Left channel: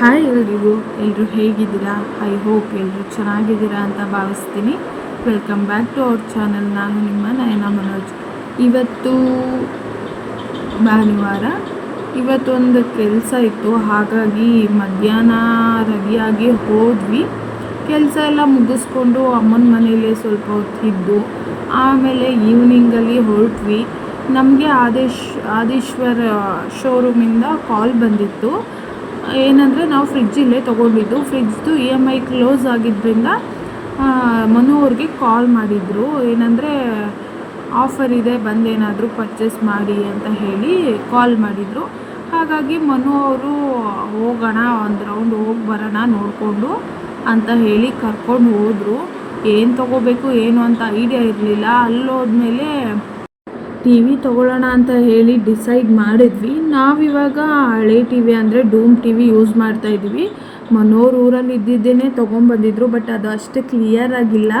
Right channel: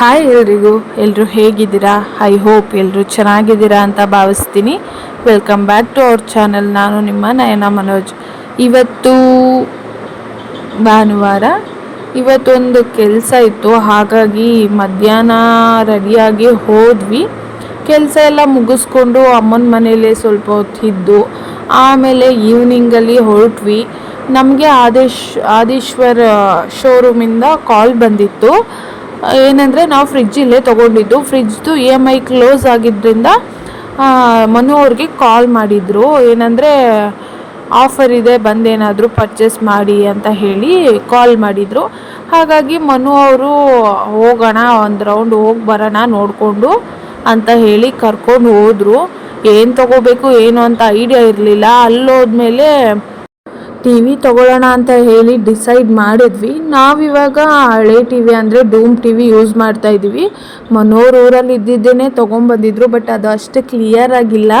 Hi ಎಲ್ರಿಗೂ, ಎಲ್ಲರೂ ಹೇಗಿದ್ದೀರಾ? ಐ ಹೋಪ್ ಎಲ್ಲರೂ ಚೆನ್ನಾಗಿದ್ದೀರಾ ಅಂತ ಭಾವಿಸ್ತೀನಿ. Welcome back to our channel. ನಾನು ನಿಮ್ಮ ನಯನ ಮನೋಜ್. ಇವತ್ತು ಭಾನುವಾರ, ಇವತ್ತೊಂದು ಕೆಲಸ ಇತ್ತು, ಹಾಗಾಗಿ ಮಧ್ಯಾಹ್ನ ರೆಡಿಯಾಗಿ ಹೋದ್ವಿ. ಕೆಲಸ ಎಲ್ಲ ಮುಗಿಸ್ಕೊಂಡು ಅಮ್ಮನ ಮನೇಲಿ ಸ್ವಲ್ಪ ಹೊತ್ತಿದ್ದು ಆಮೇಲೆ ಈವ್ನಿಂಗಲ್ಲಿ ಹೊರಟ್ವಿ. ನಮಗೆ ಆದೇಶ್ವರ್ ಶೋರೂಮಿಂದ ಕಾಲ್ ಬಂದಿತ್ತು. ಏನಂದರೆ ನಾವು ಫ್ರಿಡ್ಜ್ ಇಲ್ಲೇ ತೊಗೊಂಡಿದ್ದು, ಫ್ರಿಡ್ಜ್ದು EMI ಕ್ಲೋಸ್ ಆಗಿದ್ದರಿಂದ ಮನು ಅವ್ರಿಗೆ ಕಾಲ್ ಮಾಡಿದರು. ಏನಂದರೆ ಆಫರ್ ಇದೆ, ಬಂದೇನಾದರೂ ಪರ್ಚೇಸ್ ಮಾಡಿ ಅಂತ ಹೇಳಿ ಕಾಲ್ ಮಾಡಿದರು. ಹಾಗಾಗಿ ಮನು ಅವರು ಹೋಗೋಣ, ಒಂದು ರೌಂಡ್ ಹೋಗಿ ಬರೋಣ ನೋಡಿಕೊಂಡು ಅಂತ ಹೇಳಿ ಕರ್ಕೊಂಡು ಹೋದರು. ಏನು ತೊಗೋಬೇಕು ಏನು ಅಂತ ಐಡಿಯಾ ಇರಲಿಲ್ಲ. ಅಲ್ಲೋದ್ಮೇಲೆ ಟಿ ವಿ ತೊಗೊಳ್ಳೋಣ ಅಂತ ಹೇಳಿ ಡಿಸೈಡ್ ಮಾಡಿದ್ವಿ. ನಾವಿವಾಗ ಹಳೆ ಟಿ ವಿ ಅಂದರೆ ಡೂಮ್ ಟಿ ವಿ ಯೂಸ್ ಮಾಡ್ತಾಯಿದ್ವಿ. ಮನೋರ್ ಊರಲ್ಲಿ ಇದ್ದಿದ್ದೇನೆ ತೊಗೊಂಬಂದಿದ್ರು, ಬಟ್ ಅದು ಅಷ್ಟು ಕ್ಲಿಯರ್ ಆಗಿಲ್ಲ,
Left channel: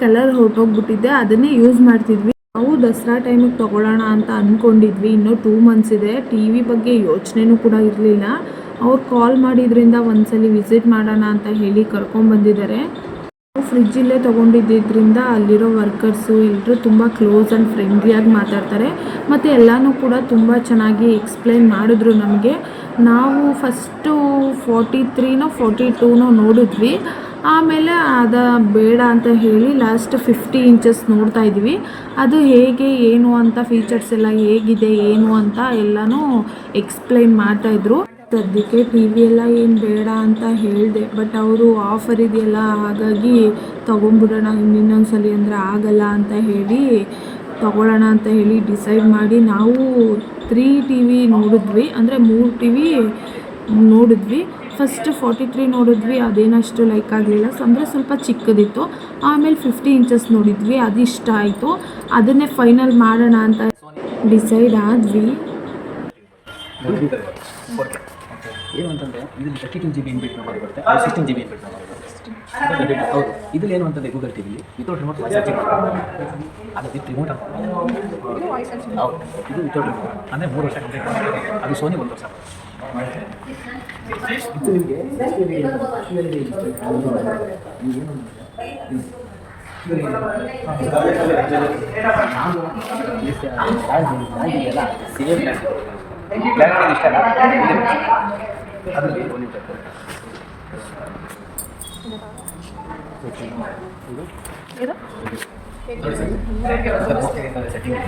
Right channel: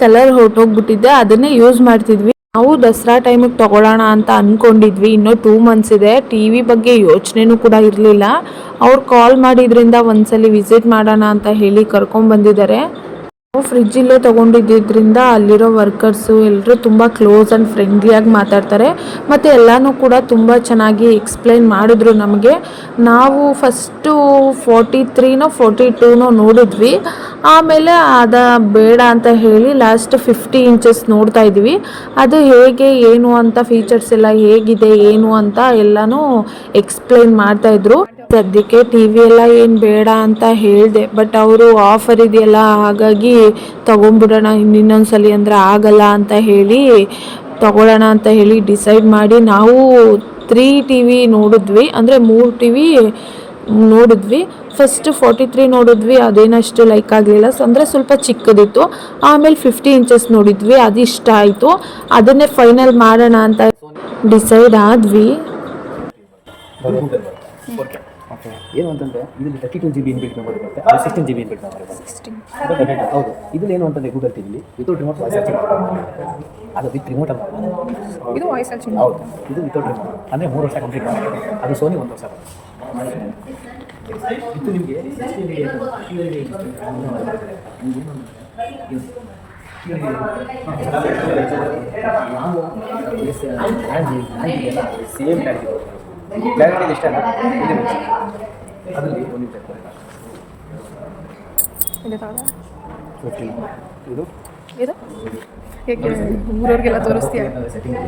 ಕಲರ್ ಹೊರಟೋಗ್ಬಿಟ್ಟಿದ್ದೆ. ಅದನ್ನೇ ಯೂಸ್ ಮಾಡ್ತಿದ್ವಿ. ನಾವು ದಸರಾ ಟೈಮಿಗೆ ತೊಗೊಳ್ಳೋಣ ಅಂತ ಅಂದ್ಕೊಂಡಿದ್ವಿ. ಇನ್ನೂ 2 ಮಂತ್ಸ್ ಇದೆ. ಟಿ ವಿ ಬಗ್ಗೆ ಯೋಚನೆನೂ ಕೂಡ ಇರಲಿಲ್ಲ. ಅವ್ರು ಕಾಲ್ ಮಾಡಿದ್ರಿಂದ ಒಂದ್ಸಲಿ ವಿಸಿಟ್ ಮಾಡೋಣ ಅಂತ ಹೇಳಿ ಕರ್ಕೊಂಡ್ಬಂದಿದ್ದಾರೆ. ನಾವು ಫ್ರಿಡ್ಜಿಲ್ಲೇ ತೊಗೊಂಡಿದ್ದರಿಂದ ಅಲ್ಲಿರೋ ವರ್ಕರ್ಸು ಎಲ್ಲರೂ ತುಂಬ ಕ್ಲೋಸ್ ಆ್ಯಂಡ್ ಫ್ರೆಂಡ್ಲಿಯಾಗಿ ಮಾತಾಡ್ತಾರೆ. ಮತ್ತು ಎಲ್ಲನೂ ಕೂಡ ತುಂಬ ಚೆನ್ನಾಗಿ ಎಕ್ಸ್ಪ್ಲೈನ್ ಮಾಡಿದ್ರು ನಮಗೆ. ನಾವು ಫಸ್ಟು 43ನೋ 42ನೋ ನೋಡಿದ್ವಿ. ಆಮೇಲೆ ಬೇಡ ಅಂತ ಹೇಳಿ ಲಾಸ್ಟ್ 50 ಇಂಚಸ್ ನೋಡ್ತಾ ಇದ್ವಿ. ಅದು ಹೇಗೆ ಏನು ಅಂತ, ಫೀಚರ್ಸ್ ಎಲ್ಲ ಹೇಗಿದೆ ಏನು ಅಂತ ಎಲ್ಲನೂ ಎಕ್ಸ್ಪ್ಲೈನ್ ಮಾಡ್ತಾಯಿದ್ರು. ಸದ್ಯಕ್ಕೆ ಟಿ ವಿ ಎಲ್ಲ ಏನು ಬೇಡ ಅಂತ ಹೇಳಿದೆ, ಬಟ್ ಅವರು ಆಫರ್ ಇದೆಯಲ್ಲ, ಹಾಗಾಗಿ ತೊಗೊಂಬಿಡೋಣ ಇನ್ನೊಂದ್ಸಲಿ ಅಂದರೆ ಆಗಲ್ಲ ಅಂತ ಹೇಳಿ ತೊಗೊಳ್ಳೋಣ ಅಂತ ಹೇಳಿ ಡಿಸೈಡ್ ಮಾಡಿ ನಾವು 3 ಟಿ ವಿ ನೋಡಿದ್ವಿ. ಅಂದರೆ 3 ಟಿ ವಿ ನೋಡಿದ್ವಿ. ಫಸ್ಟ್ 43 ನೋಡಿದ್ವಿ, ಅದೇನಷ್ಟು ಲೈಕ್ ಆಗಲಿಲ್ಲ, ಅಂದರೆ ಸ್ವಲ್ಪ ಚಿಕ್ಕದಿತ್ತು. ಆಮೇಲೆ 50 ಇಂಚಸ್ ನೋಡಿದ್ವಿ, ಅದು ಇಷ್ಟ ಆಯಿತು. ಅದನ್ನೇ ಫೈನಲ್ ಮಾಡೋಣ ಅಂತ ಡಿಸೈಡ್ ಆದ್ವಿ. ಏನು ಅಂತಂದರೆ ಇದರಲ್ಲಿ 32 GB ಇನ್ಬಿಲ್ಟ್ ಮೆಮೊರಿ ಬರುತ್ತೆ, 16 GB ಇನ್ಬಿಲ್ಟ್ ಮೆಮೊರಿ ಬರುತ್ತೆ. ಹೌದು, ಇದರಲ್ಲಿ ಏನು ಅಂತಂದರೆ ಗೂಗಲ್ ಟಿವಿಲಿ ವಿತೌಟ್ ರಿಮೋಟ್ ವಾಯ್ಸ್ ಸರ್ಚಿಂಗ್ ಅದು ವಿತ್ ರಿಮೋಟ್ ಅಂತ. ಇದು ವಾಯ್ಸ್ ಸರ್ಚಿಂಗ್. ಹೌದು, ಇದು ವಿತೌಟ್ ರಿಮೋಟ್ ಅಂದರೆ 3 ವರ್ಷ ಕಂಪ್ಲೀಟ್ ಮಾಡಿದೆ. ಅದು ಸೋನಿ 1 ವರ್ಷ ಬರುತ್ತೆ. ಇದು ನಿಮಗೆ ಸೇಮ್ ಕ್ಲಾರಿಟಿ ಇಷ್ಟ ಅದರಲ್ಲಿ ಒಂದು ಸೆಟ್ಟಿಂಗ್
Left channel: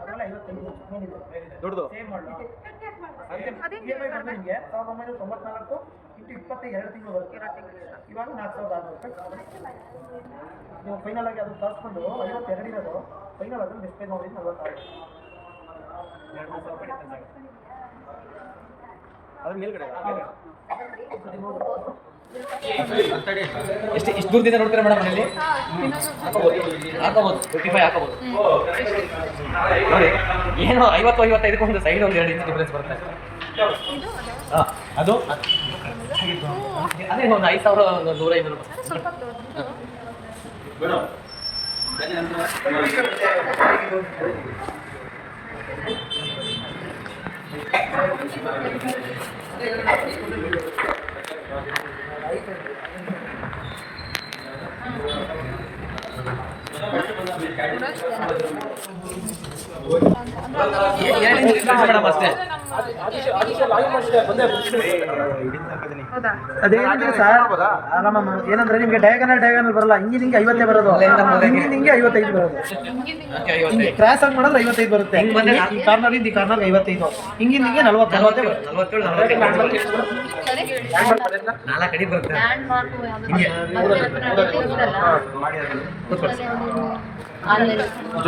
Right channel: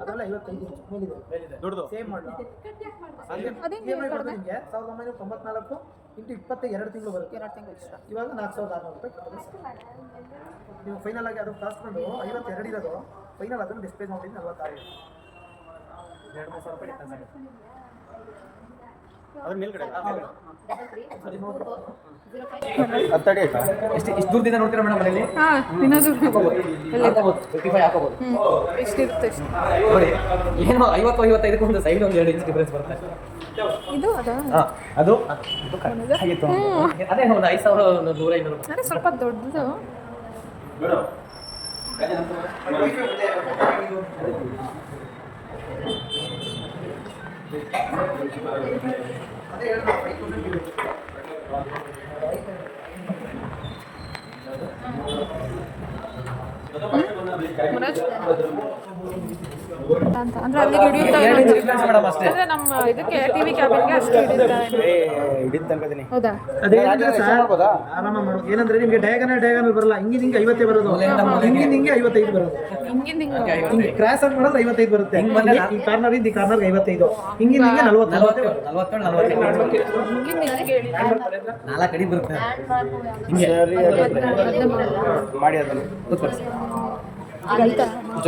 ಅದೆಲ್ಲ 55 ಮೇಲಿದೆ ದೊಡ್ಡದು ಸೇಮ್ ಮಾಡಲು EMI ಬರುತ್ತೆ ನಿಮಗೆ 1994 ಇಂಟು 22 ತಿಂಗಳು ಬರುತ್ತೆ. ಇವಾಗ 4600 ರೂಪಾಯಿ. ನೀವು ಫೈನಲ್ ಆಗಿ ಅದನ್ನು ಕಾಸ್ಕೊಂಡು 52 ಇರೋದು, ಫೈನಲ್ ಅದನ್ನು ಡಿಸ್ಪ್ಲೇ ನೋಡಿ 46. 2,000 ರೂಪಾಯಿ ಡಿಫ್ರೆನ್ಸ್ ಆಗುತ್ತೆ. ಅದ್ರ ಮೇಲ್ಗಡೆ ಎಷ್ಟು ದೂರದಿಂದ ನೋಡ್ತೀರಾ ಮೇಡಮ್? ಮನೇಲಿ ಹಾಕೋಬೋದು 55 ಹಾಕೋಬೋದು ನೋಡಿ. ಏನೋ 50-55 ಒಂದು ಸೈಡ್ ಒಂದು 2 ಇಂಚ್ ಡಿಫ್ರೆನ್ಸ್ ಬರುತ್ತೆ. ಹಾಂ, ಅದು ಅದೇ ಒಂದು 5,100-1,500 ರೂಪಾಯಿ. ಸ್ವಲ್ಪ ದೊಡ್ಡದು ಮೇಡಮ್ ಅಷ್ಟೇ. ಏನಂದ್ರೆ ನಿಮಗೆ ಡಯಾಗನಲ್ ಬರಲ್ಲ, ಹಿಂಗಿನ ಹಿಂಗೆ 50 ಬರೋದು, ಹಿಂಗಿನ ಹಿಂಗೆ 55 ಬರೋದು. ಹಿಂಗೆ ಕ್ರಾಸ್ ಆಗಿ ಮಾಡಿದ್ರೆ 55 ಬರುತ್ತೆ. ಈ ಕಾರ್ನರ್ ಈ ಕಾರ್ನರ್ 55, ಹಿಂಗಿನ ಹಿಂಗೆ 40 4 ಕಡೆ ಬರುತ್ತೆ. ಹಿಂಗೆ ಮಾಡಿ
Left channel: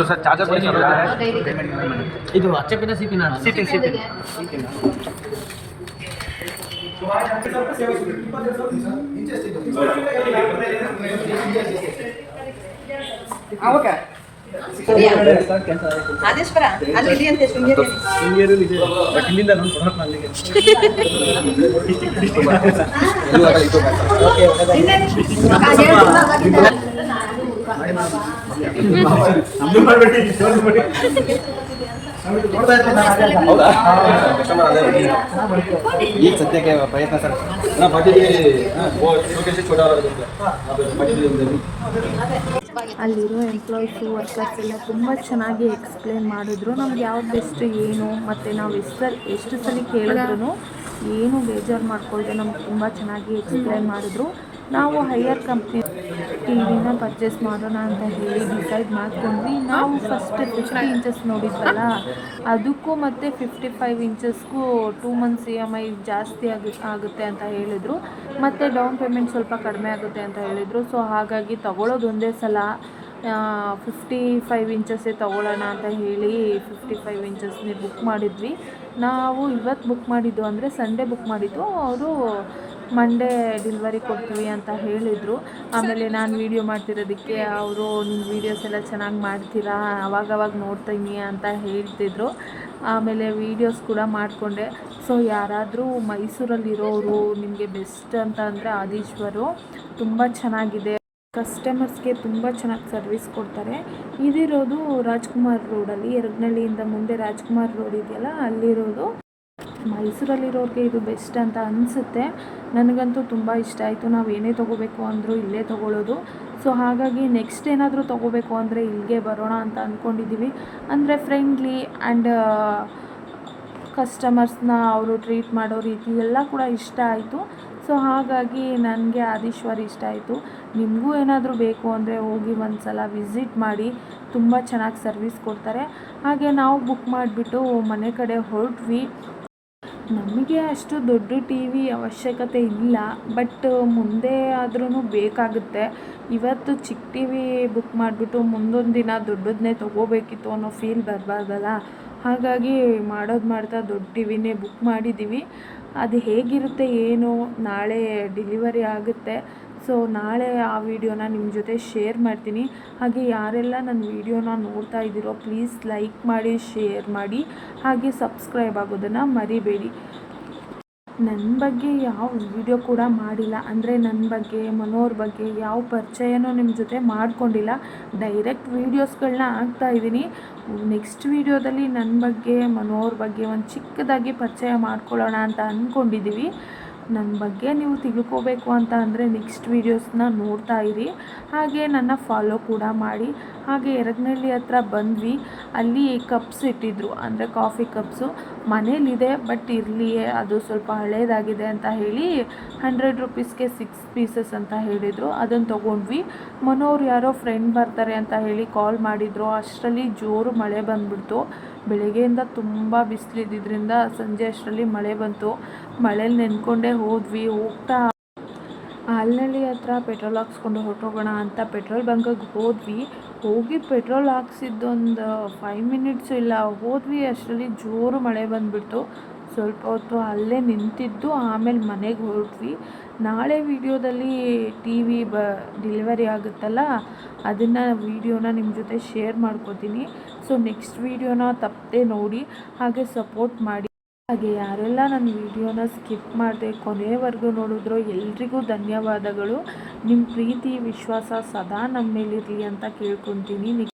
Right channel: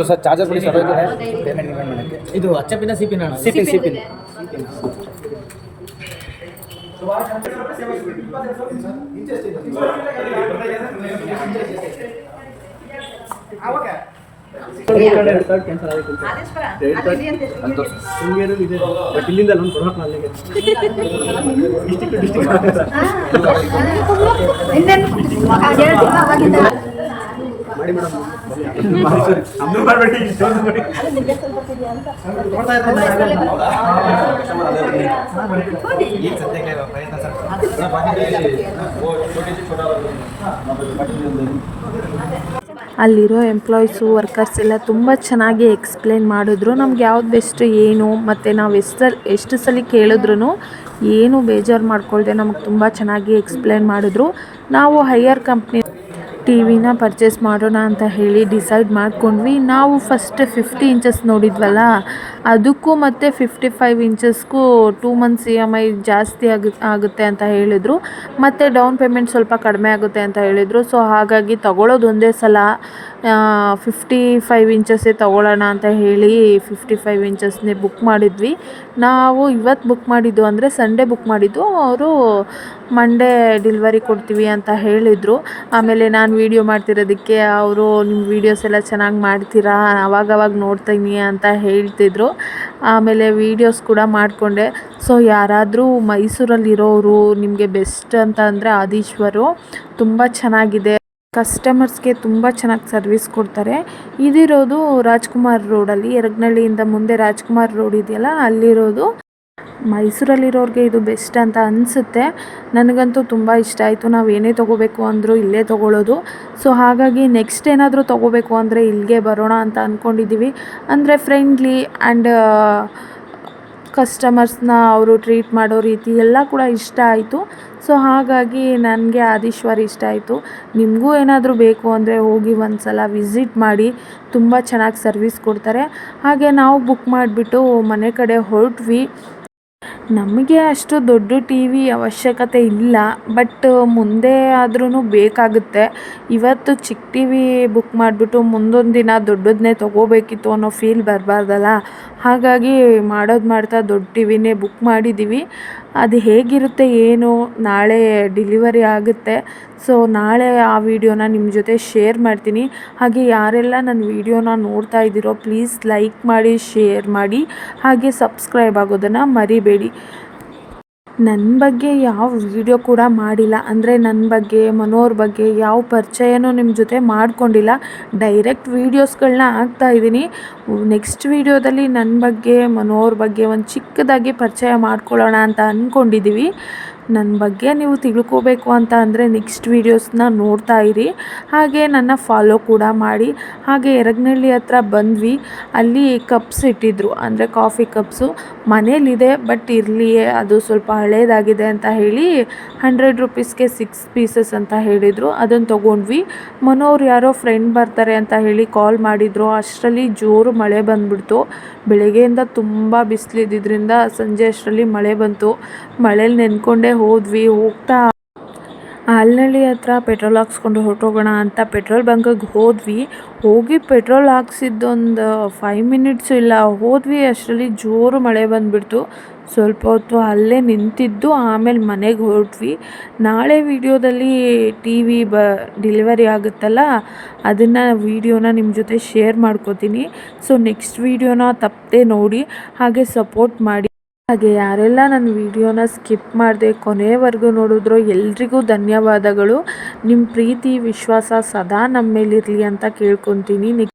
ಸರ್ ಚಾರ್ಜರ್ ಕೊಡಿ ಸರ್. ಇದು HPನ CPನ ಸಿಪಿ ಓಕೆ. ಆದೇಶ್ವರ ಅಲ್ಲಿ ಅಂತ ಶೃಂಗೇರಿ ಇದೆ, ಬಟ್ ಇಲ್ಲಿಂದ ನಾನು ಕೊಡೋಣ ಅಲ್ಲಿಗೆ. ನೋಡ್ತಾ ಇರ್ತೀನಿ ನಾನು ಆಗಲ್ಲ. ಈಗ ಸದ್ಯಕ್ಕೆ ಪ್ರಯತ್ನ ಸರ್ ಅಲ್ಲಿರೋ ಎಂಪ್ಲಾಯೀಸು ವರ್ಕರ್ಸ್ ಎಲ್ಲ ತುಂಬ ಚೆನ್ನಾಗಿ ಎಕ್ಸ್ಪ್ಲೇನ್ ಮಾಡಿದ್ರು. ನಮ್ಗೆ ಯಾವ್ದು ಬೆಸ್ಟ್ ಏನು ಮತ್ತು ನಾವು ಎಷ್ಟು ಸಲ ಕೇಳಿದ್ರು ಏನು ಬೇಜಾರು ಮಾಡ್ಕೊಳ್ದೆ ನಮಗೆ ತುಂಬ ಚೆನ್ನಾಗಿ ಎಕ್ಸ್ಪ್ಲೇನ್ ಮಾಡಿದ್ರು. ನಾವು ಹೈಯರ್ ಕಂಪ್ನಿ ಟಿ ವಿನ ಪರ್ಚೇಸ್ ಮಾಡೋಣ ಅಂತ ಹೇಳಿ ಡಿಸೈಡ್ ಮಾಡ್ಕೊಂಡ್ವಿ. ನಾವು ಫಸ್ಟ್ 50 ಇಂಚಸ್ ನೋಡಿದ್ವಲ್ಲ, ಅದಕ್ಕೂ ಮತ್ತು 55 ಇಂಚಸ್ಗೂ 2 ಮಂತ್ಸ್ EMI ಜಾಸ್ತಿ ಆಗುತ್ತೆ ಅಂತ ಹೇಳಿದರು. ಮತ್ತು ಡೌನ್ ಪೇಮೆಂಟ್ ಸ್ವಲ್ಪ ಕಡಿಮೆ ಆಗುತ್ತೆ ಅಂತ ಹೇಳಿದರು. ಸೊ ಹಾಗಾಗಿ ತಗೊಳ್ಳೋದು ಒಂದೇ ಸಲ 55 ಇಂಚಸ್ಸೇ ತೊಗೊಳ್ಳೋಣ ಅಂತ ಹೇಳಿ 55 ಇಂಚಸ್ನೇ ಬುಕ್ ಮಾಡಿದ್ವಿ. ನಾವು ಇವತ್ತು ಬುಕ್ ಮಾಡಿದ್ದು ಅಂದರೆ ಸಂಡೇ ಬುಕ್ ಮಾಡಿದ್ದು. ಅವರು ಮಂಡೇ ಡೆಲಿವರಿ ಕೊಡ್ತೀವಿ ಅಂತ ಹೇಳಿದರು. ಆಮೇಲೆ ನಾನು ವೀಡಿಯೋ ಮಾಡ್ತಿರೋದಕ್ಕೆ ಅವರು ನಿಮ್ಮ ವೀಡಿಯೋಸ್ ಎಲ್ಲ ಚೆನ್ನಾಗಿ ಮಾಡ್ತೀರಾ, ಅವಾಗವಾಗ ನೋಡ್ತೀನಿ ಅಂತ ಹೇಳ್ತಿದ್ರು. ಆಮೇಲೆ ವೀಡಿಯೋಸ್ ಕೂಡ ಮಾಡಿಕೊಂಡೆ. ಸೊ ಯಾರಾದರೂ ಮೈಸೂರಲ್ಲಿರೋರು ನಿಮಗೆ ಬೆಸ್ಟ್ ಅಂತ ಅಂದರೆ ಆದೀಶ್ವರು ತುಂಬ ಚೆನ್ನಾಗಿದೆ. ಕಸ್ಟಮರ್ಸ್ಗೆ ತುಂಬ ಚೆನ್ನಾಗಿ ಸರ್ವಿಸ್ ಕೊಡ್ತಾರೆ. ಇದಿರೋದು ರಾಜ್ಕುಮಾರ್ ರೋಡಲ್ಲಿ, ಯರಗನಹಳ್ಳಿಯಿಂದ ಮುಂದೆ ರಾಜ್ಕುಮಾರ್ ರೋಡ್ ಇದೆಯಲ್ಲ ಅಲ್ಲಿರೋದು. ಮೈಸೂರಲ್ಲಿರೋರಿಗೆ ಇದು ಬೆಸ್ಟ್ ಅಂತ ಅನಿಸುತ್ತೆ. ನನಗಂತೂ ತುಂಬ ಇಷ್ಟ ಆಯಿತು. ನಾವು ಏನೇ ತೊಗೋಬೇಕು ಅಂದರೂ ಇಲ್ಲೇ ತೊಗೊಳ್ಳೋದು. ಸೊ ಹಾಗಾಗಿ ನೆಕ್ಸ್ಟ್ ಏನಾದರೂ ತೊಗೋಬೇಕು ಅಂದರೆ ಇಲ್ಲಿಗೆ ಬರೋಣ ಅಂತ ಅಂದ್ಕೊಂಡಿದ್ದೀವಿ. ಅಂದರೆ ಫ್ರೆಂಡ್ಲಿ ಆ್ಯಂಡ್ ಕಸ್ಟಮರ್ಸ್ನ ಅವರು ಟ್ರೀಟ್ ಮಾಡೋ ರೀತಿ ಎಲ್ಲ ಕೂಡ ಇಷ್ಟ ಆಯಿತು. ಸೊ ಹಾಗಾಗಿ ನನಗೆ ಆದೀಶ್ವರ್ ಇಷ್ಟ ಆಯಿತು. ನಿಮಗೂ ಏನಾದರೂ ಬೇಕು ಅಂದರೆ ಹೋಗಿ ಒಂದು ಸಲ ವಿಸಿಟ್ ಮಾಡಿ, ತುಂಬ ಚೆನ್ನಾಗಿ ಸರ್ವಿಸ್ ಕೊಡ್ತಾರೆ. ಹಾಗೆ ನಾವು ಬುಕ್ ಮಾಡಿಬಿಟ್ಟು ಮನೆ ಕಡೆ ಹೊರಟ್ವಿ. ನಮಗೆ ಅಷ್ಟು ದೊಡ್ಡ ಟಿ ವಿ ಅವಶ್ಯಕತೆ ಇಲ್ಲ, ಬಟ್ ಮುಂದೆ ಆದ್ರೂ ಬೇಕಾಗುತ್ತೆ. ಇವತ್ತು ಚಿಕ್ಕ ಟಿ ವಿ ಬುಕ್ ಮಾಡಿಬಿಟ್ಟು ಮುಂದೊಂದು ದಿನ ದೊಡ್ಡದನ್ನೇ ತೊಗೋಬೇಕಿತ್ತು ಅನ್ನೋ ಫೀಲ್ ಬರಬಾರ್ದಲ್ಲ. ಹಾಗಾಗಿ ಮಾಡ್ತಾ ದೊಡ್ಡ ಟಿ ವಿನೇ ಬುಕ್ ಮಾಡಿದ್ದೀವಿ. ಅದು ಹೇಗಿರುತ್ತೆ ಏನು ನಾಳೆ ಡೆಲಿವರಿ ಆಗುತ್ತೆ. ಸೊ ನಾಳೆ ಆ ವಿಡಿಯೋನ ನಿಮ್ಮ ಜೊತೆ ಶೇರ್ ಮಾಡ್ತೀನಿ. ಹಾಗೆ ಯಾರೆಲ್ಲ ನನ್ನ ವಿಡಿಯೋನ ನೋಡ್ತಾ ಇದ್ದೀರೋ ಪ್ಲೀಸ್ ಲೈಕ್ ಮಾಡಿ, ಶೇರ್ ಮಾಡಿ, ಹಾಗೆ ಸಬ್ಸ್ಕ್ರೈಬ್ ಆಗೋದನ್ನು ಮರಿಬೇಡಿ. ನನ್ನ ಬಗ್ಗೆ ಯಾವ ವಿಡಿಯೋ ಕೂಡ ಮಾಡಿಲ್ಲ, ಅಂದರೆ ನನ್ನ ಬಗ್ಗೆ ಮನೋವ್ರ ಬಗ್ಗೆ ಯಾವ ಪರಿಚಯನೂ ನಿಮ್ಮ ಜೊತೆ ಮಾಡ್ಕೊಂಡಿಲ್ಲ. ಡೈರೆಕ್ಟ್ ವೀಡಿಯೋಸ್ಗಳನ್ನ ಹಾಕ್ತಾಯಿದ್ದೀನಿ. ನೆಕ್ಸ್ಟ್ ವೀಡಿಯೋದಲ್ಲಿ ನನ್ನ ಬಗ್ಗೆ ಮನೋವ್ರ ಬಗ್ಗೆ ಒಂದು ಚಿಕ್ಕದಾಗಿ ಪರಿಚಯ ಮಾಡ್ಕೊಳ್ಳೋಣ ಅಂತ ಅಂದ್ಕೊಂಡಿದ್ದೀವಿ. ನನ್ನ ಬಗ್ಗೆ ನೀವು ತಿಳ್ಕೋಬೇಕು ಅಂತ ಅಂದರೆ ನೆಕ್ಸ್ಟ್ ವೀಡಿಯೋಸ್ನ ನೋಡ್ತಾ ಇರಿ. ಹಾಗೆ ನನ್ನ ಫಾಲೋ ಕೂಡ ಮಾಡಿ. ಹಾಗೆ ಯರಗನಹಳ್ಳಿ ಹತ್ರ ಬಂದ್ವಿ. ಅಲ್ಲಿ ಕಪ್ಸ್ ಇಟ್ಟಿದ್ರು, ಅಂದರೆ ಕಾಫಿ ಕಪ್ಸು ಮನೇಲಿದೆ, ಬಟ್ ಇರಲಿ ಅದು ಸ್ವಲ್ಪ ಹಳೇದಾಗಿದೆ ಅಂತ ಹೇಳಿ 100 ರೂಪೀಸ್ಗೆ 6 ಪೀಸಸ್ ಅಂತ ಹೇಳಿದರು. ಅದನ್ನು ತೊಗೊಂಡ್ವಿ. ಮನೋರು ಯಾರೋ ಫ್ರೆಂಡ್ ಬರ್ತಾರೆ ಅಂತ ಹೇಳಿ ಕಾಲ್ ಮಾಡಿದರು. ಅಷ್ಟರಲ್ಲಿ ಜೋರು ಮಳೆ ಬಂದುಬಿಡ್ತು. ಬೆಳಗ್ಗೆಯಿಂದ ತುಂಬ ಬಿಸಿಲಿದ್ದರಿಂದ ಸಂಜೆ ಅಷ್ಟರಲ್ಲಿ ಮಳೆ ಬಂತು. ಮಳೇಲಿ ನೆನ್ಕೊಂಡೇ ಹೋದ್ವಿ. ಹೋಗ್ತಾ ಆಲ್ನಳ್ಳಿ ಹತ್ರ ಪೆಟ್ರೋಲ್ ಹಾಕ್ಸ್ಕೊಂಡು ಹೊರಟೋಗೋಣ ಅಂತ ಪೆಟ್ರೋಲ್ ಬಂಕಿಗೆ ಹೋಗಿ ಪೆಟ್ರೋಲ್ ಹಾಕ್ಸಿದ್ದೊಂದು 5 ಮಿನಿಟ್ಸು ಇಲ್ಲ, ಹೋದ್ವಿ. ಅಷ್ಟರಲ್ಲಿ ಜೋರು ಮಳೆ ಬಂದುಬಿಡ್ತು. ಸ್ವಲ್ಪ ಹೊತ್ತು ಅಲ್ಲೇ ನಿಂತಿದ್ದು ಆಮೇಲೆ ಮನೆಗೆ ಹೊರಟ್ವಿ. ನಾಳೆ ವೀಡಿಯೋದಲ್ಲಿ ಟಿ ವಿ ಡೆಲಿವರಿ ಆಗುತ್ತಲ್ಲ, ಅದನ್ನು ವೀಡಿಯೋನ ನಿಮ್ಮ ಜೊತೆ ಶೇರ್ ಮಾಡ್ಕೋತೀನಿ. ಸೊ ನೆಕ್ಸ್ಟ್ ವೀಡಿಯೋನ ತಪ್ಪದೆ ನೋಡಿ, ಹಾಗೆ ಸಪೋರ್ಟ್ ಮಾಡಿ. ಹಾಗೆ ಯಾರೆಲ್ಲ ನನ್ನ ವೀಡಿಯೋನ ಸ್ಕಿಪ್ ಮಾಡದೆ ಕೊನೆಯವರೆಗೂ ನೋಡಿದ್ರೋ ಎಲ್ರಿಗೂ ಧನ್ಯವಾದಗಳು. ನಿಮ್ಮ ಪ್ರೀತಿ ವಿಶ್ವಾಸ ಸದಾ ನಮ್ಮ ಮೇಲಿರಲಿ ಅಂತ ಕೇಳ್ಕೊತೀನಿ.